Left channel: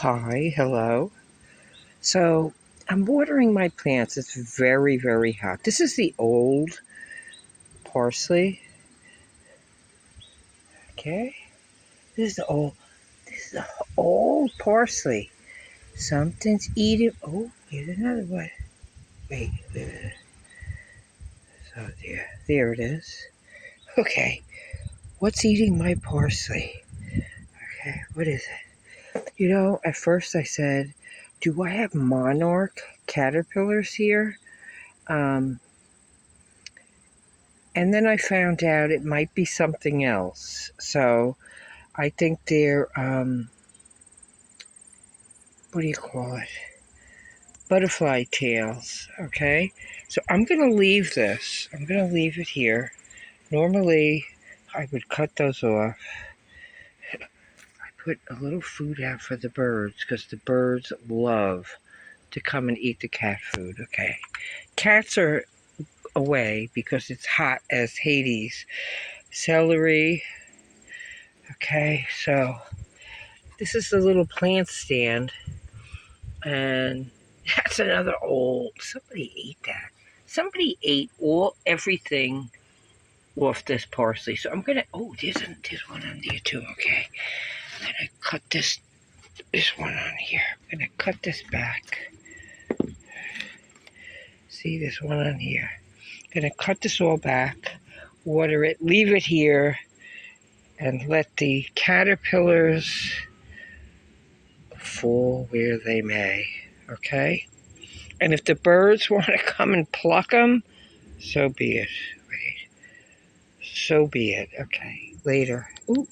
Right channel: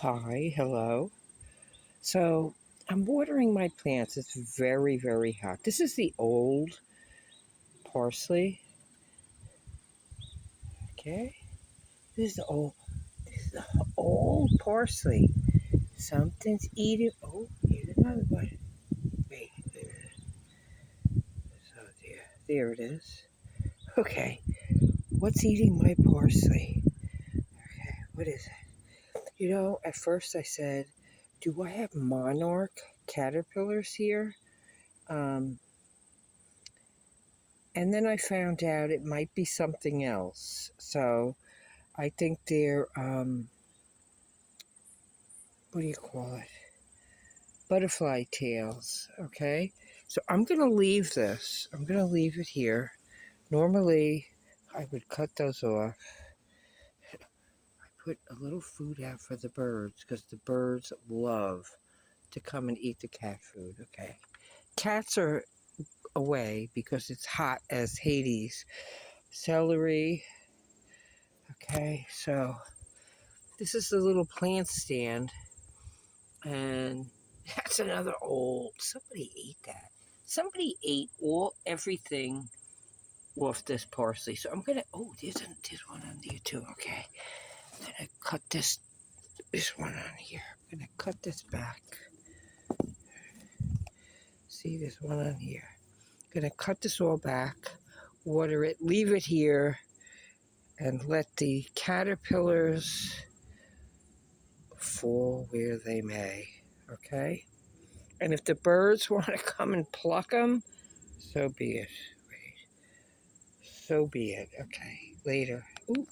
Hi, hello. So I'm watering my plants. It's very, very hot. This is the old parsley. Okay. This is the old. This is the old parsley. Something's eating. Oh, here's another one. Wait. So there it is. Okay. What's eating my parsley? Okay. What is it? At first I said, "Do I have monarch caterpillars here?" Um, And then I found out it might be something else. So I think they're, what do you call it? Butterfly tails, okay? So I'm going to leave this. I'm going to leave it here. Normally, I would cut those off. I put a little food out for the birds because the birds love to come and eat the cat food, okay? Cats are away because it's hot as Hades. Celery, okay? So this is the little plant stand, and that's another old. Somebody ate that. Somebody ate everything off this parsley. So I'm gonna. Oh, there's one on there too. Okay, I'm gonna cut this one on here. I'm gonna cut this back. See this one on here. I'm gonna cut this all back, water it, leave it here, and let the caterpillars fall where they may. Okay. And if the birds want to come and pluck them, so be it. Wait. So be it. Okay. Later. Ooh.